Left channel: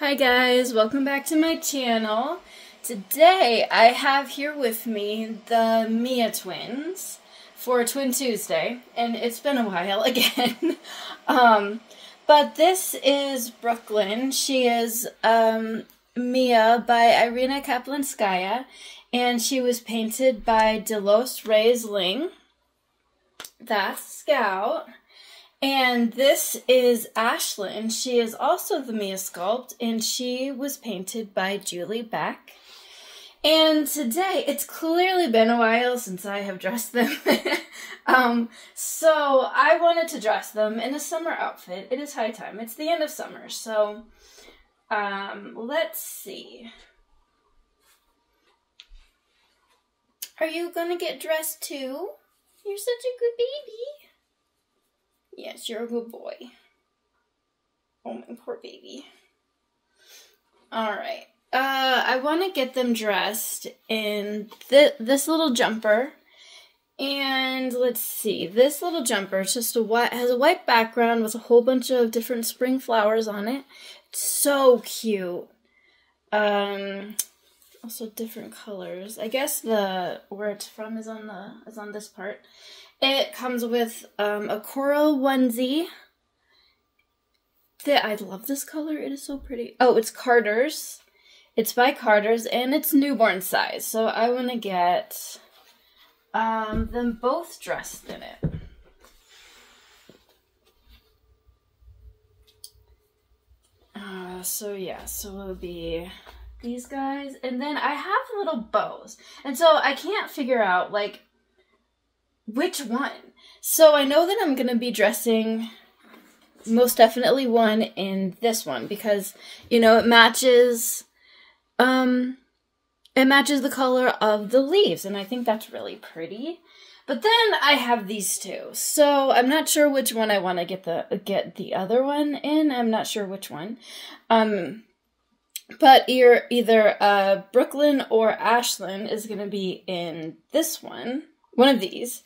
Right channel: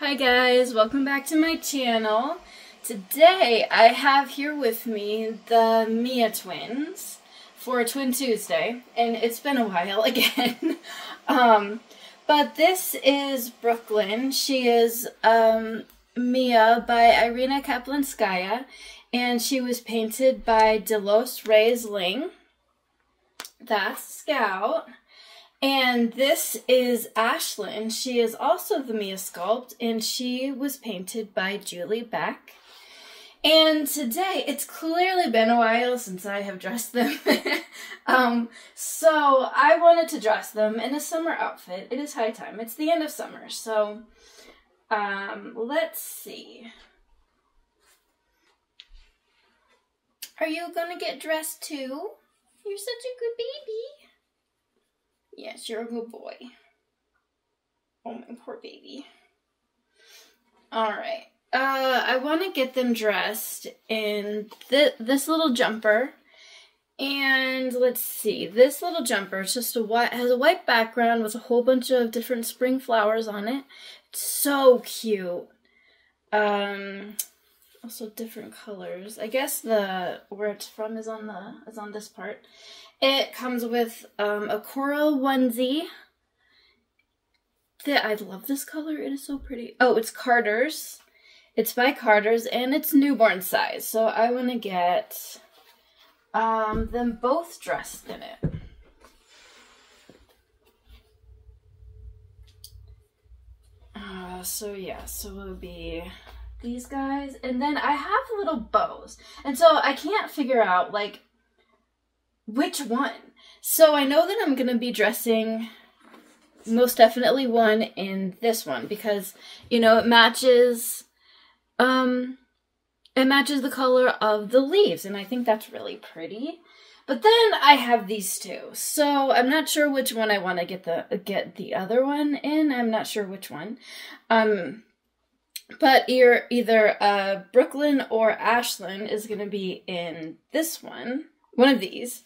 Hi guys, welcome back to my channel. Today I have here with me the Mia twins for Twin Tuesday, and it's been a while again. But this is Brooklyn. She is Mia by Irina Kaplanskaya, and she was painted by Delos Reyes Ling. That's Scout. And this is Ashlynn. She is also the Mia sculpt, and she was painted by Julie Beck. And today, it's clearly been a while since I have dressed them. So I wanted to dress them in a summer outfit. It is high time. It's the end of summer, so let's see. Are you gonna get dressed too? You're such a good baby. Yes, you're a good boy. Oh, my poor baby. Alright. I want to get them dressed in this little jumper. And let's see. This little jumper is just has a white background with a whole bunch of different spring flowers on it. It's so cute. Also different colors. I guess where it's from is on this part. It comes with a coral onesie. I love this color. It is so pretty. Oh, it's Carter's. It's by Carter's, and it's newborn size. So I want to get them both dressed in it. So it'll be these guys. And then I have little bows. And so I can't figure out, like, which one? So I know that I'm going to be dressing most definitely one in this one because, you know, it matches the color of the leaves, and I think that's really pretty. But then I have these two. So I'm not sure which one I want to get the other one in. I'm not sure which one. But either Brooklyn or Ashlynn is going to be in this one of these.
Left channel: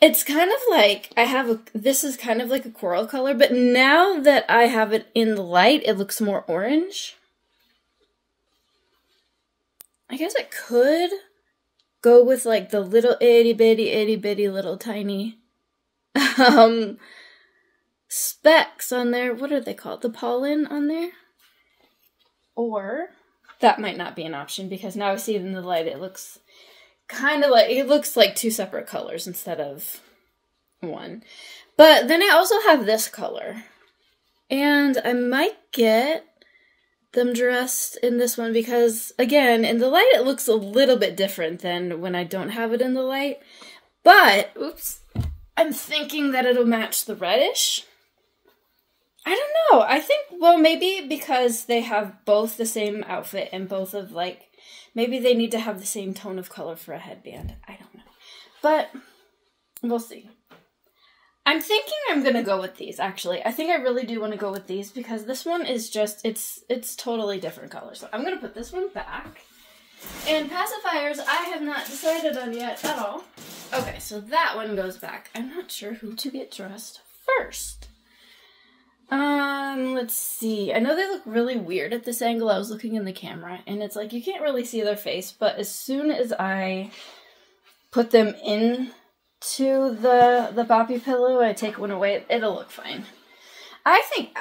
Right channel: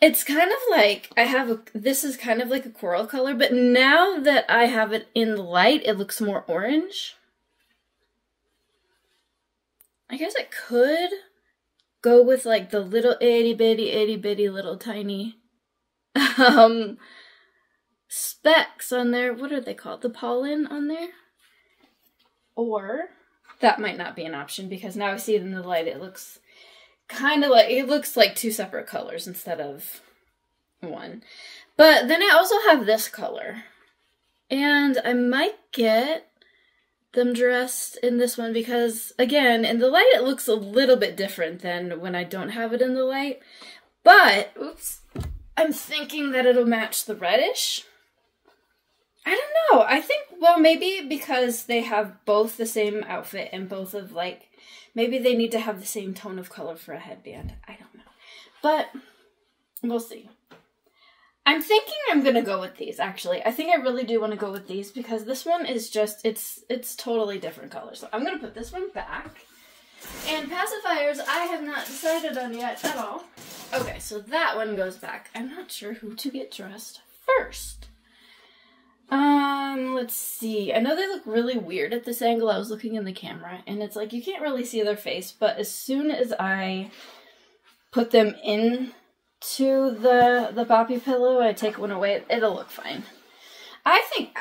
It's kind of like, this is kind of like a coral color, but now that I have it in the light, it looks more orange. I guess I could go with like the little itty bitty little tiny specks on there. What are they called? The pollen on there? Or that might not be an option because now I see it in the light, it looks kind of like, it looks like two separate colors instead of one. But then I also have this color. And I might get them dressed in this one because, again, in the light it looks a little bit different than when I don't have it in the light. But, oops, I'm thinking that it'll match the reddish. I don't know. I think, well, maybe because they have both the same outfit and both of, like, maybe they need to have the same tone of color for a headband. I don't know. But we'll see. I'm thinking I'm going to go with these, actually. I think I really do want to go with these because this one is just, it's totally different colors. So I'm going to put this one back. And pacifiers, I have not decided on yet at all. Okay, so that one goes back. I'm not sure who to get dressed first. Let's see. I know they look really weird at this angle. I was looking in the camera, and it's like you can't really see their face, but as soon as I put them into the boppy pillow and I take one away, it'll look fine. I think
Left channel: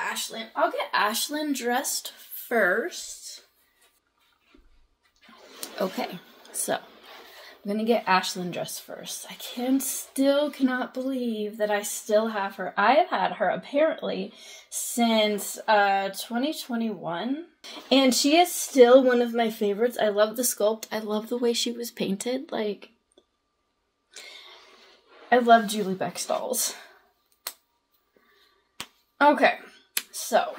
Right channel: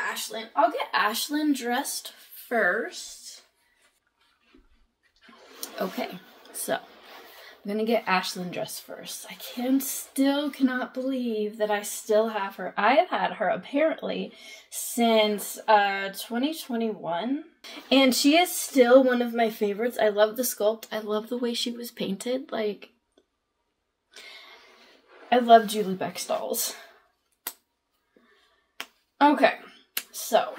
I'll get Ashlynn dressed first. Okay, so I'm gonna get Ashlynn dressed first. I still cannot believe that I still have her. I have had her apparently since 2021, and she is still one of my favorites. I love the sculpt. I love the way she was painted. Like, I love Julie Beck dolls. Okay, so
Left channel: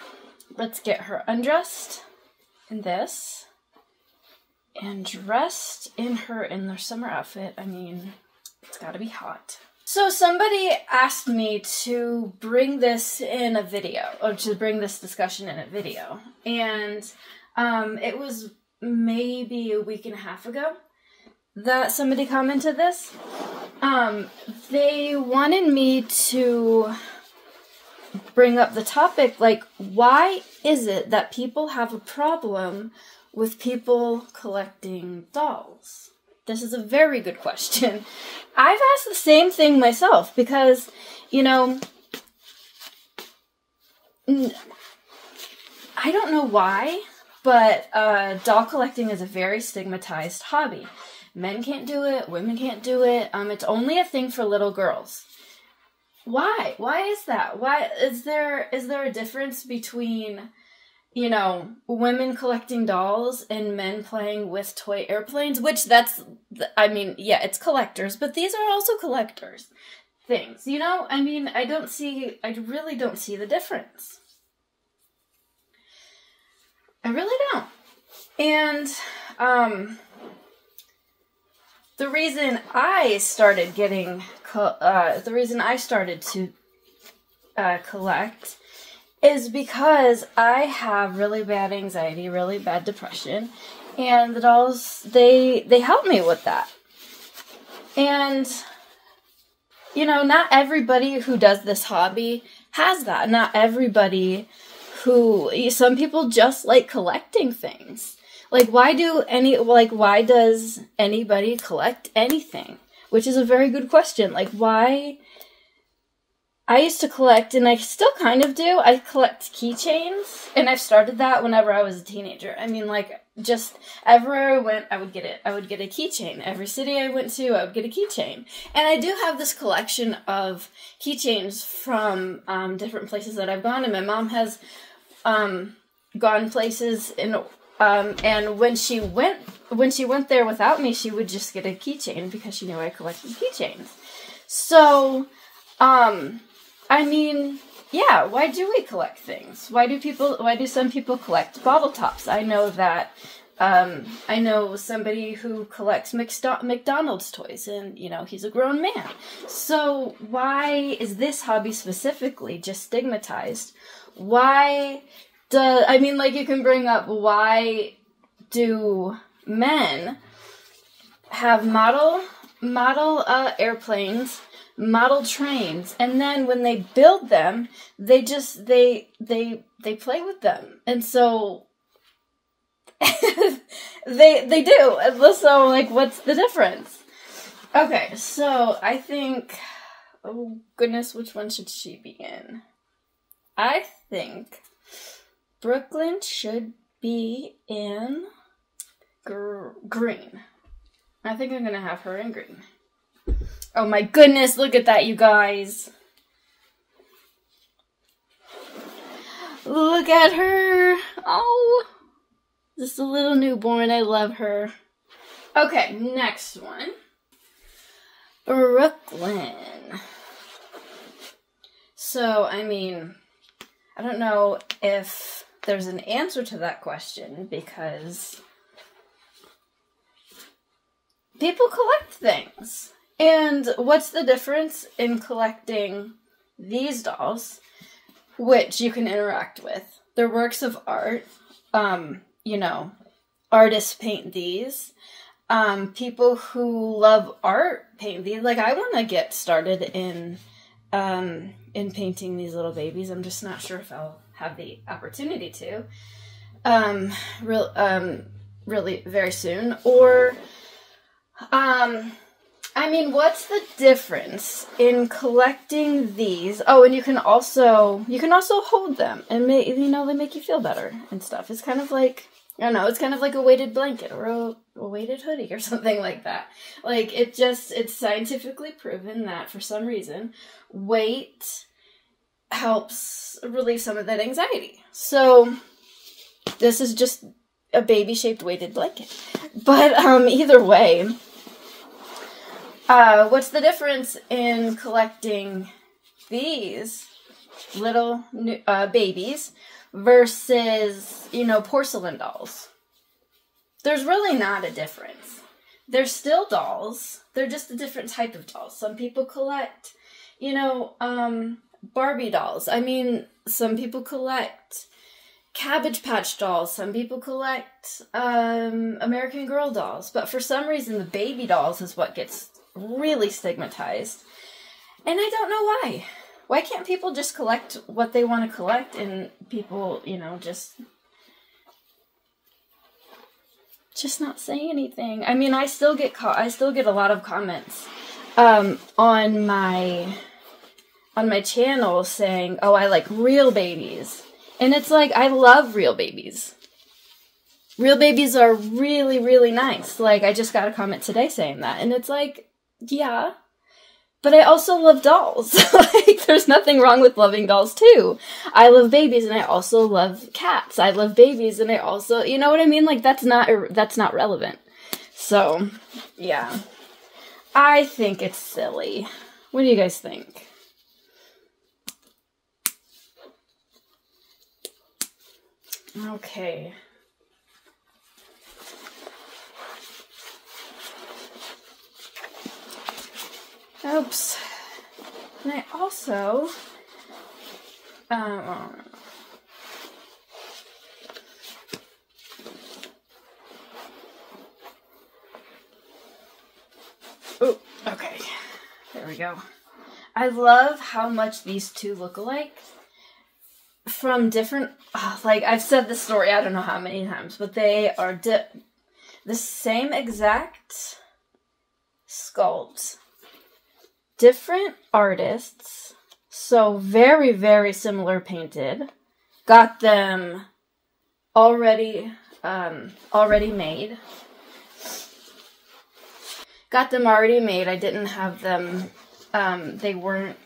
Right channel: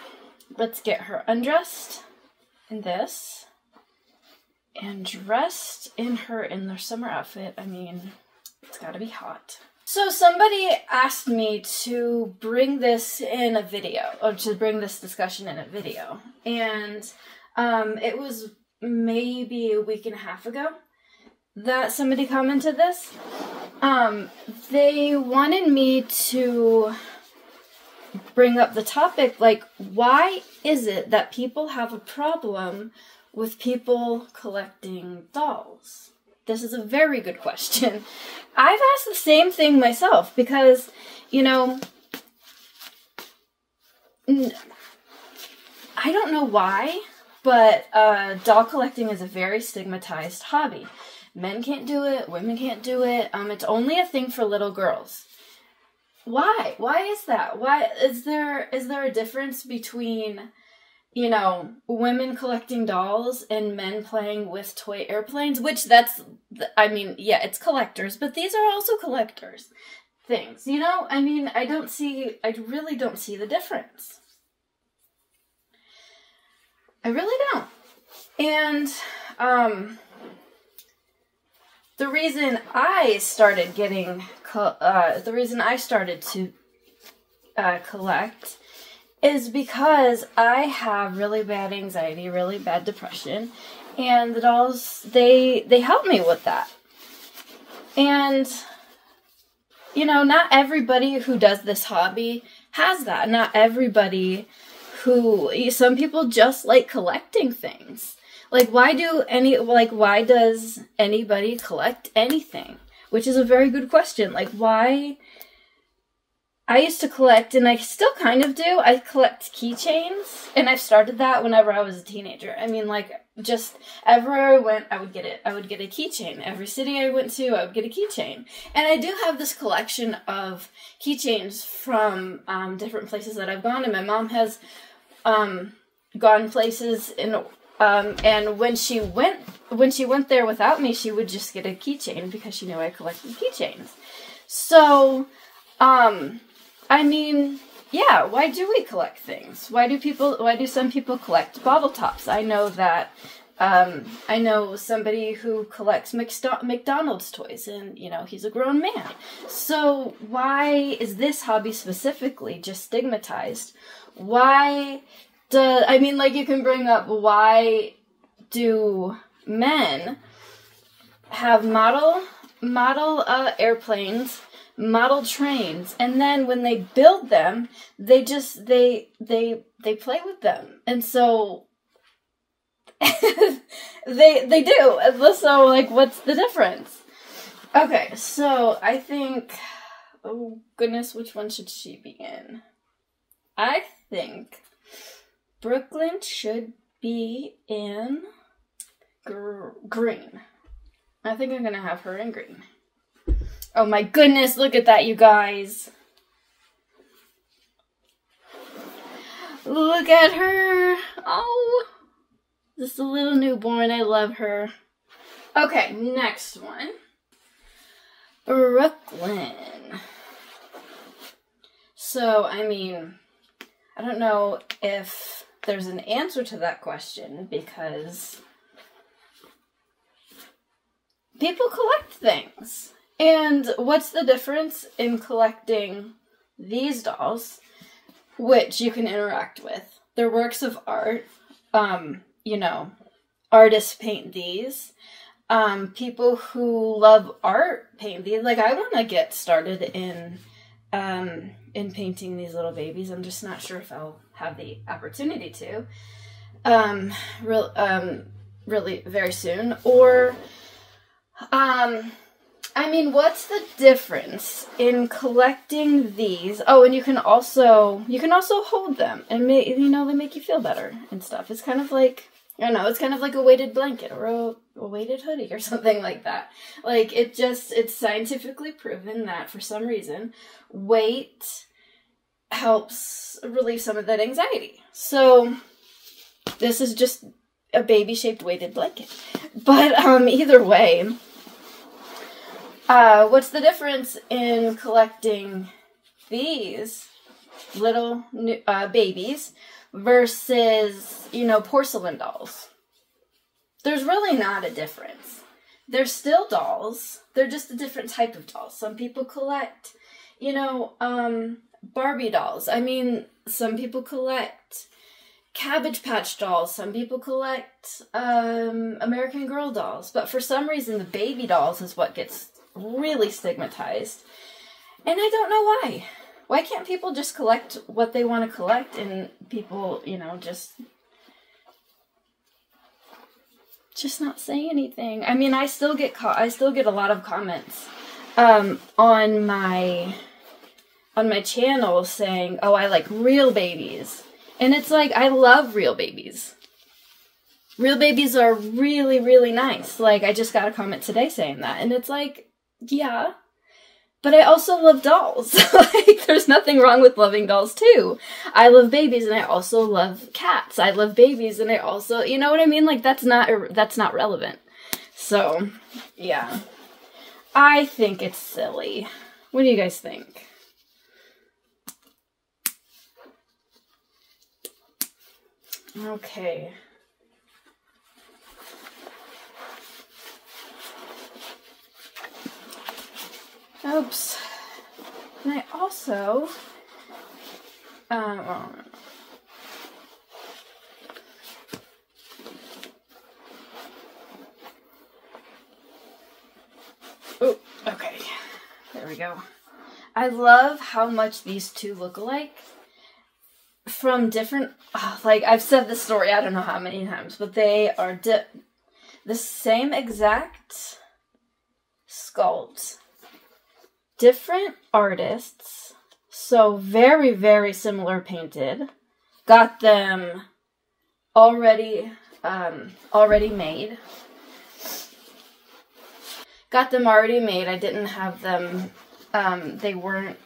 let's get her undressed in this. And dressed in their summer outfit. I mean, it's gotta be hot. So somebody asked me to bring this in a video, or to bring this discussion in a video. And it was maybe a week and a half ago that somebody commented this. They wanted me to bring up the topic, like, why is it that people have a problem with people collecting dolls? This is a very good question. I've asked the same thing myself because, you know, I don't know why, but doll collecting is a very stigmatized hobby. Men can't do it, women can't do it. It's only a thing for little girls. Why? Why is that? Why is there a difference between, you know, women collecting dolls and men playing with toy airplanes? Which I mean, yeah, it's collectors, but these are also collectors things, you know? I mean, I really don't see the difference. I really don't. And, the reason I started to collect is because I have really bad anxiety, really bad depression, and the dolls, they help me with that. And, you know, not everybody who does this hobby has that. Not everybody some people just like collecting things. Like, why does anybody collect anything? Which is a very good question. Like, why? I used to collect, and I still kind of do. I collect keychains, and I started that whenever I was a teenager. I mean, like, just everywhere I went, I would get it. I would get a keychain. Every city I went to, I would get a keychain. And I do have this collection of keychains from different places that I've gone, and my mom has gone places and when she went there without me, she would just get a keychain because she knew I collected keychains. So, I mean, yeah, why do we collect things? Why do some people collect bottle tops? I know that, I know somebody who collects McDonald's toys, and, you know, he's a grown man. So why is this hobby specifically just stigmatized? I mean, like, you can bring up, why do men have model airplanes, model trains, and then when they build them, they play with them, and so they do. So, like, what's the difference? Okay, so I think, oh goodness, which one should she be in? I think Brooklyn should be in green. I think I'm gonna have her in green. Oh my goodness, look at that, you guys. Look at her. Oh, just a little newborn. I love her. Okay, next one. Brooklyn. So, I mean, I don't know if there's an answer to that question because people collect things. And what's the difference in collecting these dolls, which you can interact with? They're works of art. You know, artists paint these. People who love art paint these. Like, I want to get started in painting these little babies. I'm just not sure if I'll have the opportunity to. Really very soon. Or, I mean, what's the difference in collecting these? Oh, and you can also hold them, and you know, they make you feel better and stuff. It's kind of like, I don't know, it's kind of like a weighted blanket or a weighted hoodie or something like that. Like, it's scientifically proven that for some reason, weight helps relieve some of that anxiety. So this is just a baby-shaped weighted blanket. But either way, what's the difference in collecting these little babies versus, you know, porcelain dolls? There's really not a difference. They're still dolls. They're just a different type of dolls. Some people collect, you know, Barbie dolls. I mean, some people collect Cabbage Patch dolls. Some people collect American Girl dolls. But for some reason, the baby dolls is what gets really stigmatized. And I don't know why. Why can't people just collect what they want to collect and people, you know, just not say anything? I mean, I still get a lot of comments on my channel saying, "Oh, I like real babies." And it's like, I love real babies. Real babies are really, really nice. Like, I just got a comment today saying that. And it's like, yeah. But I also love dolls. Like, there's nothing wrong with loving dolls, too. I love babies, and I also love cats. I love babies, and I also... You know what I mean? Like, that's not relevant. So, yeah. I think it's silly. What do you guys think? Okay. Oops. And I also, oh, okay. There we go. I love how much these two look alike. From different, like, I've said this story I don't know how many times, but they are the same exact sculpt. Different artists, so very, very similar painted. Got them already made. Got them already made. I didn't have them, they weren't,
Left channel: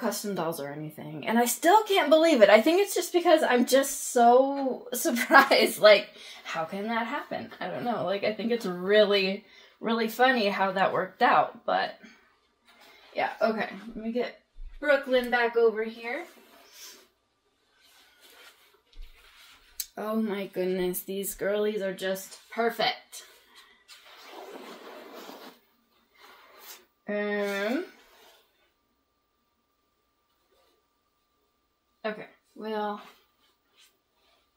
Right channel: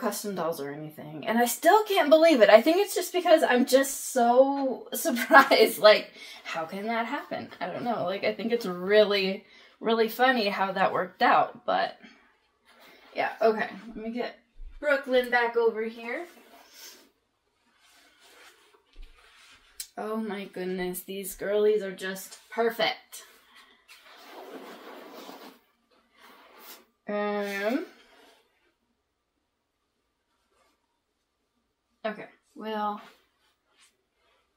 custom dolls or anything. And I still can't believe it. I think it's just because I'm just so surprised. Like, how can that happen? I don't know. Like, I think it's really, really funny how that worked out. But, yeah. Okay. Let me get Brooklyn back over here. Oh my goodness. These girlies are just perfect. Okay, well,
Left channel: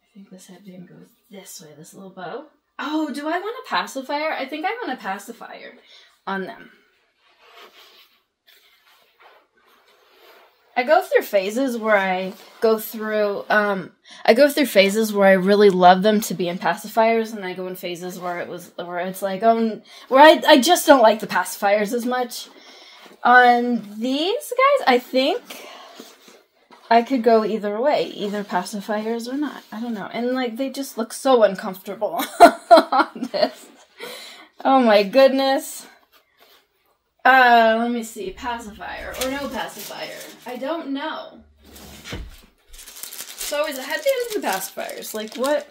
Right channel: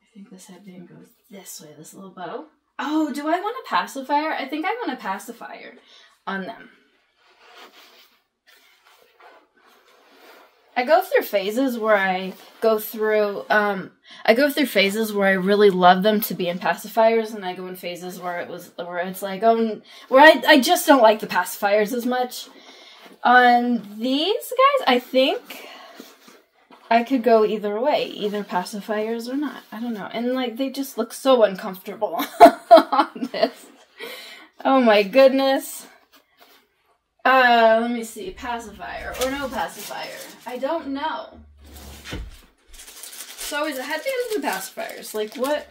I think this headband goes this way, this little bow. Oh, do I want a pacifier? I think I want a pacifier on them. I go through phases where I really love them to be in pacifiers, and I go in phases where it's like, where I just don't like the pacifiers as much. On these guys, I think I could go either way, either pacifiers or not. I don't know. And, like, they just look so uncomfortable on this. Oh, my goodness. Let me see. Pacifier or no pacifier? I don't know. So is it headbands or pacifiers? Like, what?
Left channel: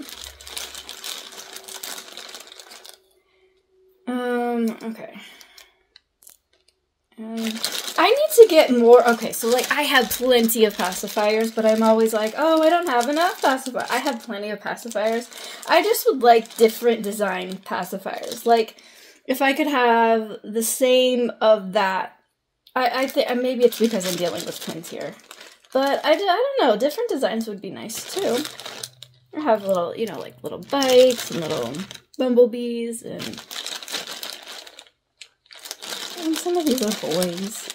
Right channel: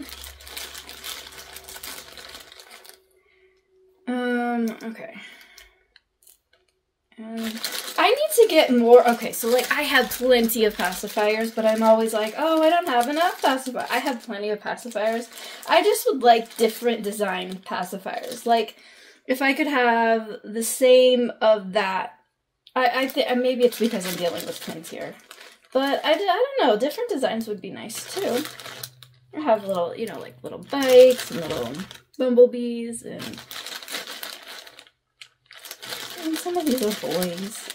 Okay. I need to get more. Okay, so, like, I have plenty of pacifiers, but I'm always like, oh, I don't have enough pacifiers. I have plenty of pacifiers. I just would like different design pacifiers. Like, if I could have the same of that, I think maybe it's because I'm dealing with twins here. But I don't know, different designs would be nice, too. I have little, you know, like little bikes and little bumblebees and some of these are boys.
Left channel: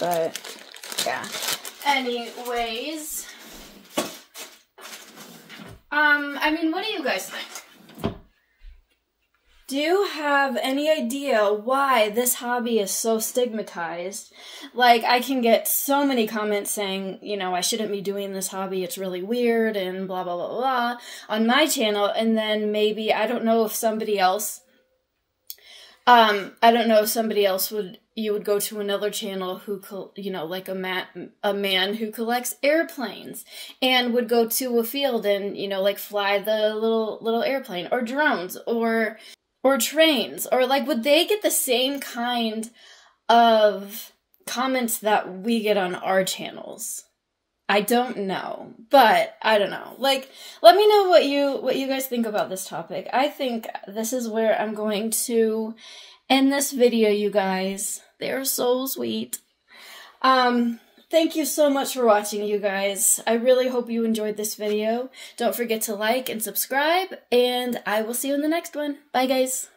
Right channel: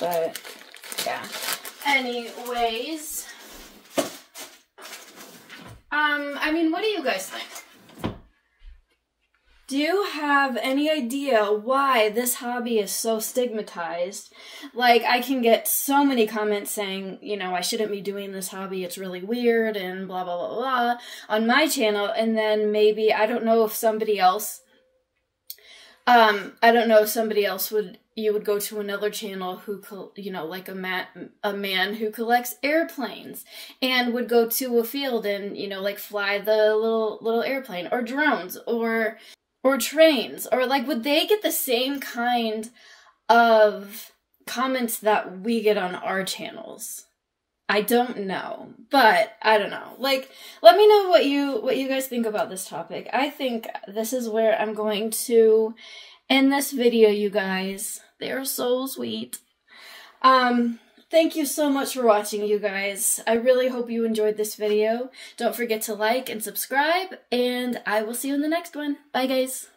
But, yeah. Anyways. I mean, what do you guys think? Do you have any idea why this hobby is so stigmatized? Like, I can get so many comments saying, you know, I shouldn't be doing this hobby, it's really weird, and blah, blah, blah, blah, on my channel, and then maybe, I don't know if somebody else, you would go to another channel who, you know, like a man who collects airplanes and would go to a field and, you know, like fly the little airplane, or drones, or trains, or like, would they get the same kind of comments that we get on our channels? I don't know, but I don't know. Like, let me know what you guys think about this topic. I think this is where I'm going to end this video, you guys. They're so sweet. thank you so much for watching, you guys. I really hope you enjoyed this video. Don't forget to like and subscribe, and I will see you in the next one. Bye, guys.